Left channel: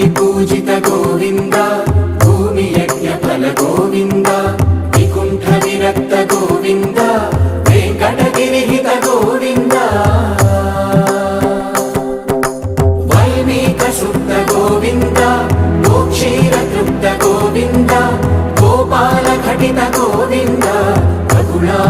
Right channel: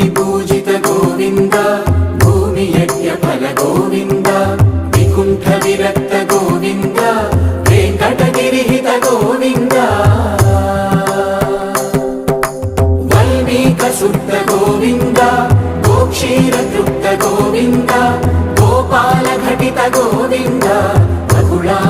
ముని పూజిత గోవింద భూమి యజ్ఞ ఫల గోవింద వికుంఠ విరక్త గోవింద వెంకటగిరిహిత గోవింద వల్మీక శుద్ధ గోవింద గోక్షీర తృప్త గోవింద గోపాల ఘటిత గోవింద రఘుళా